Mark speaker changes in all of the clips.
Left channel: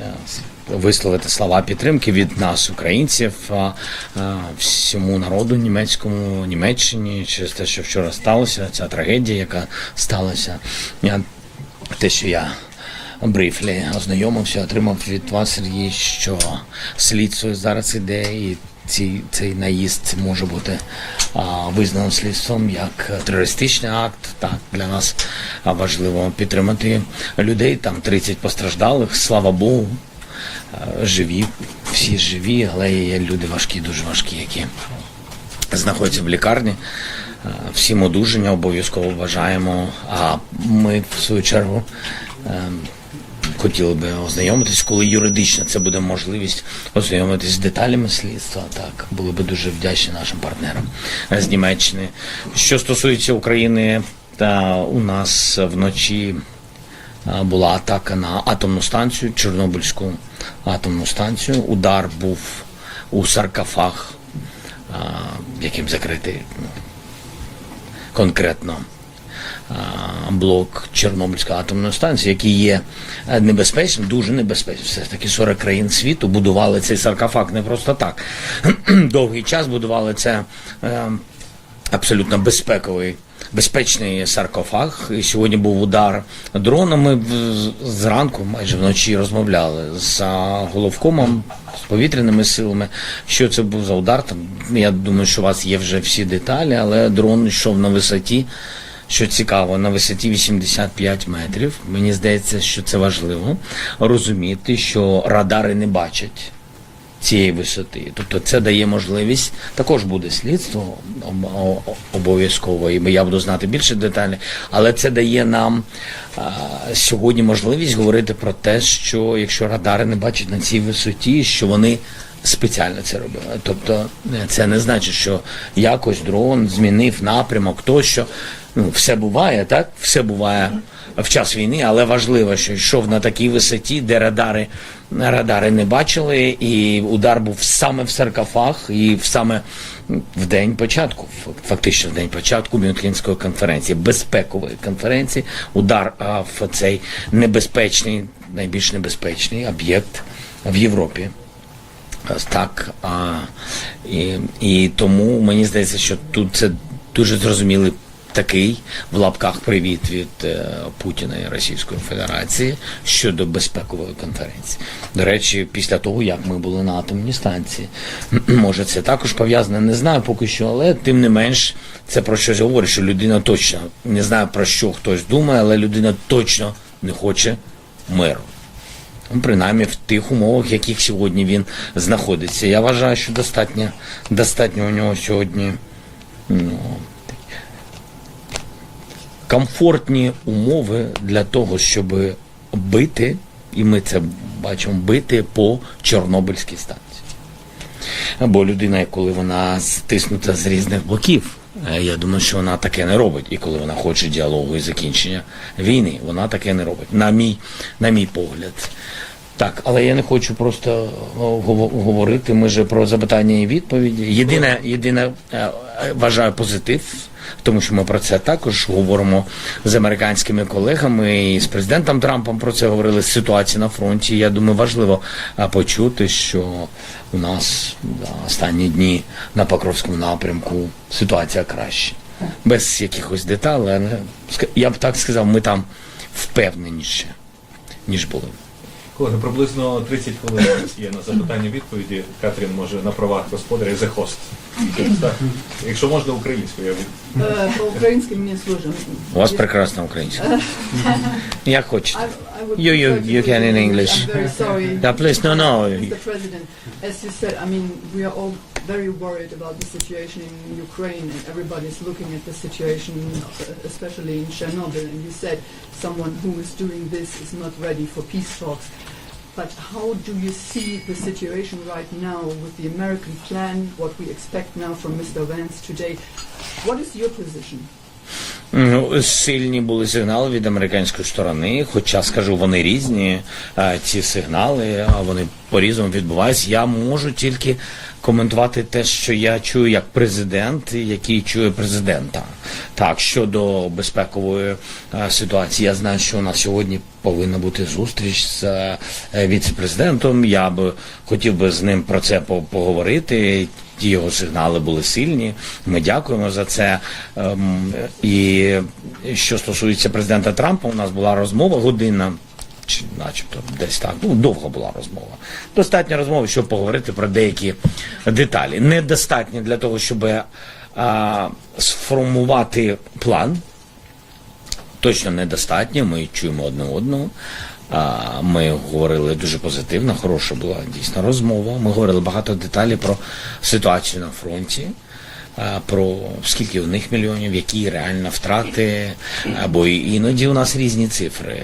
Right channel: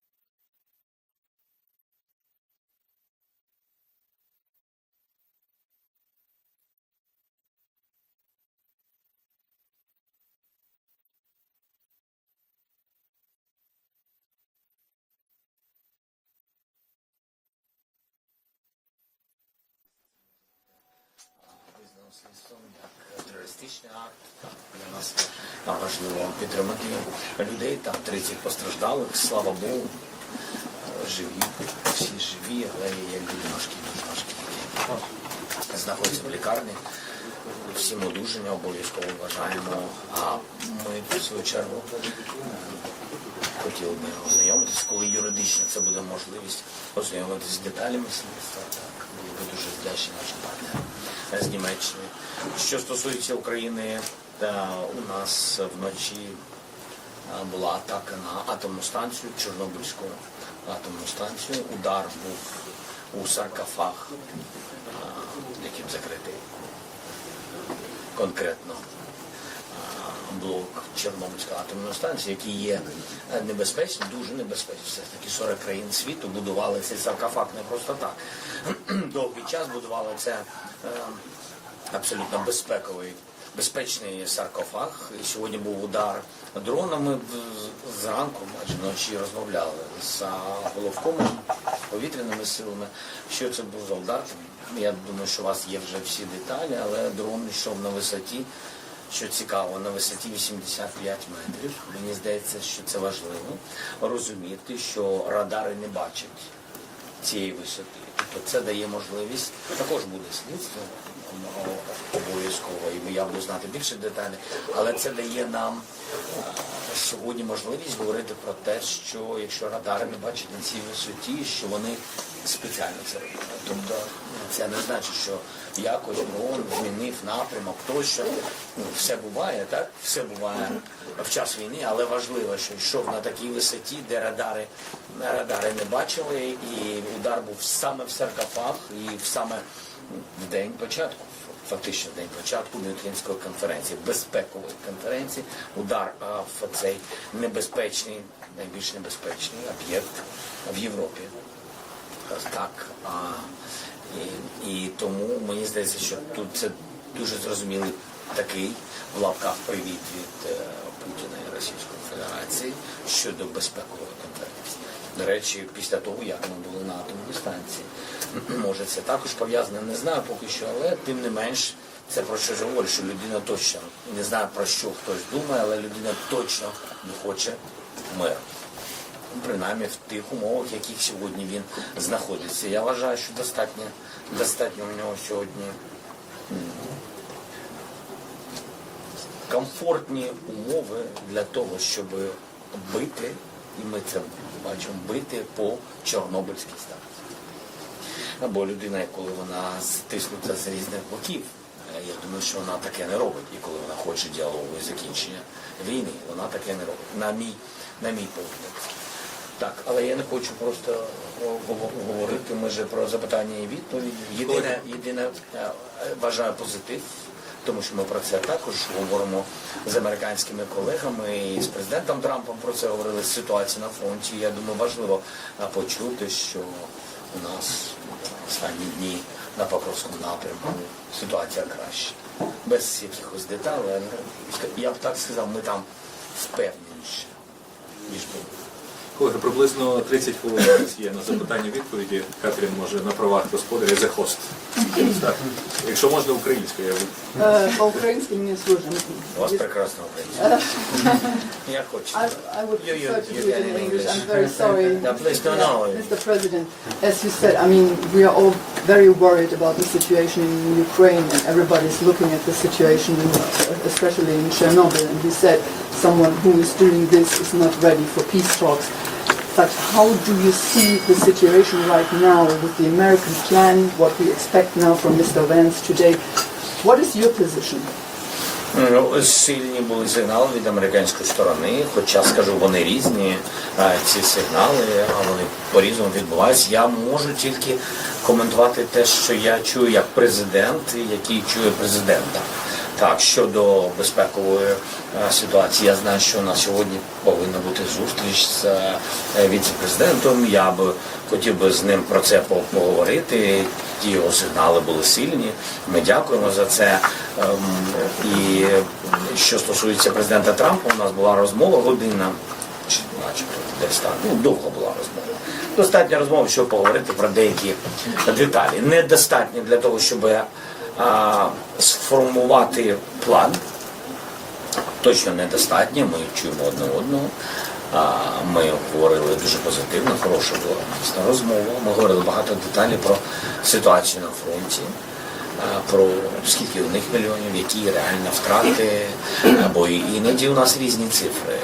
Speaker 1: е, висловити слова підтримки від нас, українців, а, всьому народу німецькому, Німеччині, через те, що вчора сталося, ця трагедія, яка сталася. Те, що я брифлі ознайомився, отримав від вас, Сергій, що слідство зараз іде, і ці, цей наїзд може бути а, визнано слідством як терористичний акт. Так, для нас важливо підтримати людей. Там 30 постраждалих, слава Богу. Живі, всі живі, але є люди важкі, дуже важкі, які знаходяться в лікарні. Всім одужання обов'язково бажаємо. А ми, в свою чергу, е, хотіли би ознайомитись, коли юридично це буде можливість ознайомитись з деталями слідства. Так, були би дуже вдячні нашим партнерам з Німеччини. Що стосується України, та у нас вночі була атака на атомну станцію, Чорнобильську атомну станцію. Удар був у саркофаг, яким закритий конкретно блок Чорнобильської атомної станції, який є е, небезпечним, дуже небезпечним. Все ж таки 40 країн світу будували цей саркофаг не просто так. Довгий час будували це е, абсолютно безпековий. Безпечний саркофаг. І сьогодні був удар дроном. Ми в- зранку, майже вночі, розмовляли з головкомом, з повітряними силами. Що це був за удар? Там я думаю, що у вас є вже всі деталі, але дрон йшов на висоті. Що цікаво, на висоті 85 метрів. Мені здається, що це важливо розуміти, що радари не бачать цієї висоти. Тобто це дає можливість, також буде слідство обов'язково, і я буду знати більше деталей, але це дає нам а, сьогодні можливість говорити про те, що якщо радари не бачать на цій висоті, що вони спеціально це робили. Тобто е, це не значить, що якось дрон змінив напрямок, тощо. Все буває, так? Все буває в час війни, але важливо, що йшов на такій висоті, де радари, радари не бачили, і удар був саме в саркофаг і саме в день початку, фактично в день початку Мюнхенської конференції, безпекової конференції, удар в цей небезпечний, найбільш небезпечний об'єкт в Європі. Так, а, і, і тому мені здається, що тут це дуже зрозумілий такий в лапках привіт від е, Путіна і Російської Федерації щодо безпекової конференції. До речі, після того, як ми були на атомній станції, може це також пов'язане, не знаю поки що, але тим не менш це про щось говорить, що людина точно не знаю про що хтось думає, але людина точно не хоче миру. Ну, принаймні в тих умовах, в яких сьогодні він знаходиться. Я вважаю, що достатньо, достатньо у нього сьогодні ну, комфортні умови для того, щоб бити, і ми це бачимо, бити по Чорнобильській станції. Бо людина, коли вона стиснута з різних боків, е, я думаю, що вона таке не робить. І коли вона хоче діалогу і закінчення війни, вона таке не робить. На мій, на мій погляд. Так, але я не хочу просто говорити. Ми же про запитання і відповіді. Єдине, єдине е, е, вважаю позитив, тому що ми про це також говоримо з американськими колегами і з президентом Трампом про це говорили з ситуації на фронті. Я думаю, важливо почути, що у нас да, останні дні на Покровському напрямку ситуація краще. Без якихось деталей, але я б так сказав, ми там впевненіше, ніж були.
Speaker 2: Колеги, приблизно 30 хвилин у нас є на запитання відповіді. Катрін може на правах господаря за хост. Так. Якщо можна українською, я
Speaker 3: Е, По-українськи мені сложно.
Speaker 1: У вас прекрасна українська. Як хочете. You- you can in English.
Speaker 3: I'm very sorry.
Speaker 1: No, please, no, no.
Speaker 3: Mr. President, as you said, I mean, we are all very worried about the situation in Ukraine and everybody's looking at the situation, especially in Chernobyl. And you said someone who is doing this is not ready for peace talks. But how do you see the situation right now with the American plan, what we expect now from Mr. Vance today? What is your position?
Speaker 1: Ну, Сильні були сигнали від американської сторони, хоча скажу, вони різні, ці сигнали, а вони по-різному відбуваються. Я можу тільки коментувати те, що я чую як президент, який чує президента. Так, щодо безпекової ситуації, я знаю, що у нас сьогодні повинна бути зустріч з е, віце-президентом. Я б хотів би з ним про це по- поговорити. Ті його сигнали були сильні. Ми дякуємо за це. Ем, І що стосується президента Трампа, у нас була розмова година, чи начебто десь так. Ну, довго була розмова. Достатньо розмови, щоб поговорити про деякі деталі. Недостатньо для того, щоб а, сформувати план. Точно недостатньо. Ми чуємо одне одного. Ми говорили дуже позитивно, хороша була дійсно розмова. Ми говорили багато деталей про ситуацію на фронті, про скільки у них мільйонів, які реально втрати. Бо іноді у нас різні цифри.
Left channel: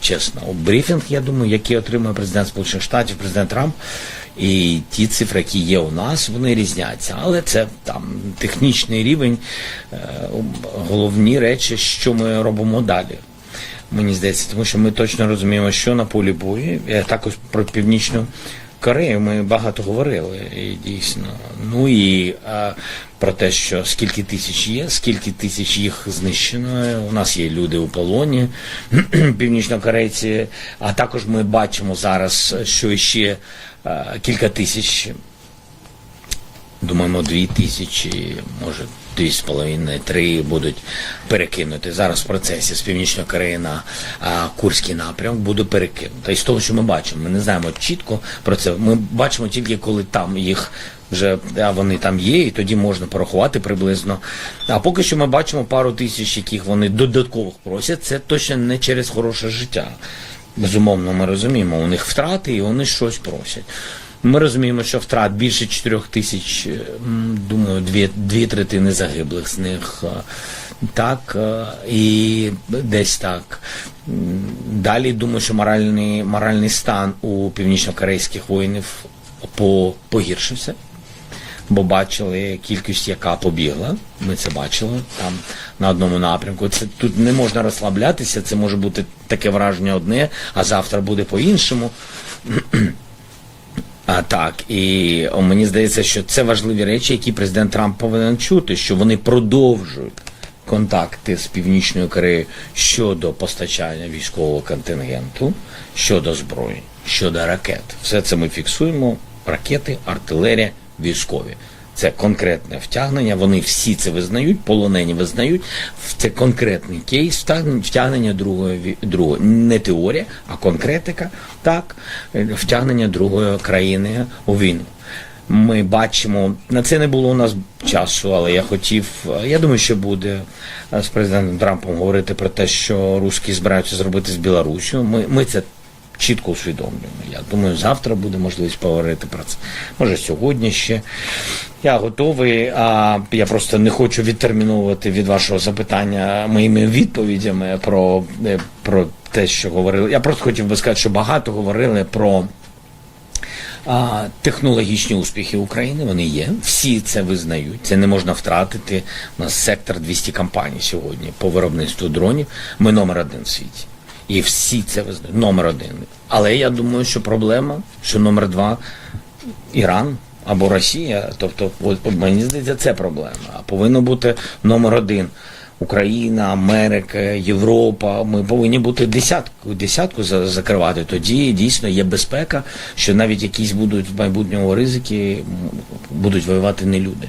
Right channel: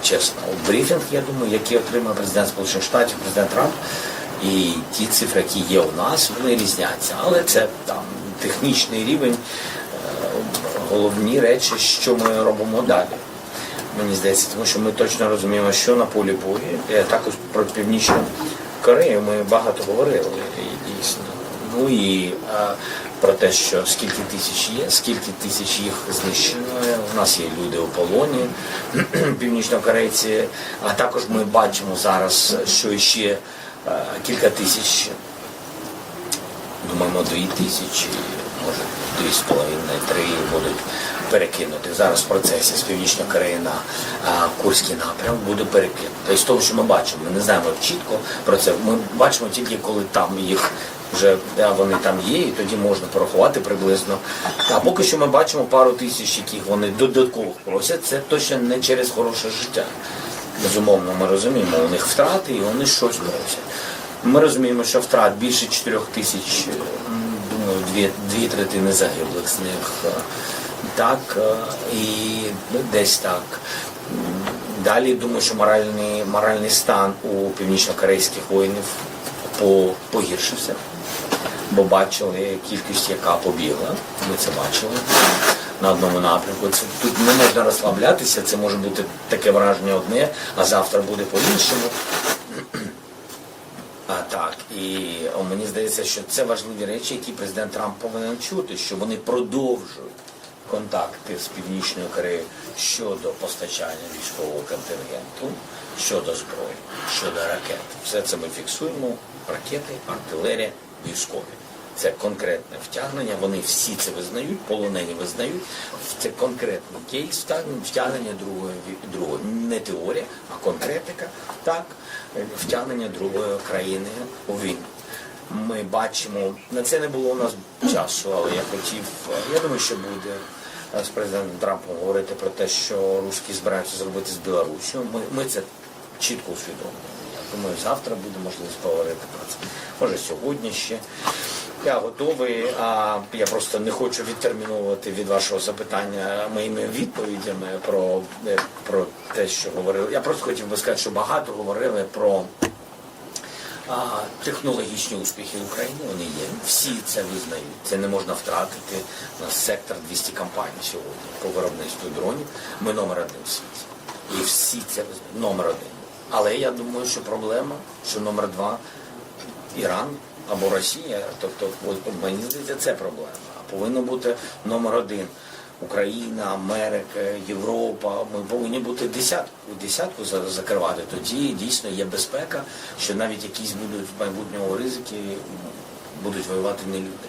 Speaker 1: Чесно, у брифінг, я думаю, який отримує президент Сполучених Штатів, президент Трамп. І ті цифри, які є у нас, вони різняться. Але це там технічний рівень, е, головні речі, що ми робимо далі. Мені здається, тому що ми точно розуміємо, що на полі бою. Е, Також про Північну Корею ми багато говорили, і дійсно. Ну і а, про те, що скільки тисяч є, скільки тисяч їх знищено. У нас є люди у полоні, північнокорейці. А також ми бачимо зараз, що ще кілька тисяч Думаємо, дві тисячі, може дві з половиною, три будуть перекинути. Зараз в процесі з Північної Кореї на Курський напрям буде перекинуто. І з того, що ми бачимо, ми не знаємо чітко про це. Ми бачимо тільки коли там їх вже да, вони там є, і тоді можна порахувати приблизно. А поки що ми бачимо пару тисяч, яких вони додатково просять. Це точно не через хороше життя. Безумовно, ми розуміємо, у них втрати і вони щось просять. Ми розуміємо, що втрат більше 4 тисяч, думаю, дві, дві третини загиблих з них. е, Так, е, і десь так. Далі думаю, що моральний, моральний стан у північно-корейських воїнів по, погіршився, бо бачили кількість, яка побігла. Ми це бачили це на одному напрямку. Це тут не можна розслаблятися, це може бути таке враження одне, а завтра буде по-іншому. А так, і мені здається, що це важливі речі, які президент Трамп повинен чути, що вони продовжують контакти з Північною Кореєю щодо постачання військового контингенту, щодо зброї, щодо ракет. Все це ми фіксуємо: ракети, артилерія, військові. Це конкретне втягнення. Вони всі це визнають, полонені визнають. Це конкретний кейс втягнення, другої другої не теорія, а конкретика. Так, втягнення другої країни у війну. Ми бачимо, на це не було у нас часу, але я хотів, я думаю, що буде з президентом Трампом говорити про те, що русські збираються зробити з Білорусію. Ми, ми це чітко усвідомлюємо. Я думаю, завтра буде можливість поговорити про це. Може, сьогодні ще. Я готовий, а я просто не хочу відтерміновувати від вашого запитання моїми відповідями про, про те, що говорили. Я просто хотів би сказати, що багато говорили про а, технологічні успіхи України. Вони є. Всі це визнають. Це не можна втратити. У нас сектор 200 компаній сьогодні по виробництву дронів. Ми номер один в світі. І всі це визнають. Номер один. Але я думаю, що проблема, що номер два Іран або Росія. Тобто, от, мені здається, це проблема. А повинно бути номер один. Україна, Америка, Європа. Ми повинні бути десятку, десятку за- закривати. Тоді дійсно є безпека, що навіть якісь будуть в майбутньому ризики, будуть воювати не люди.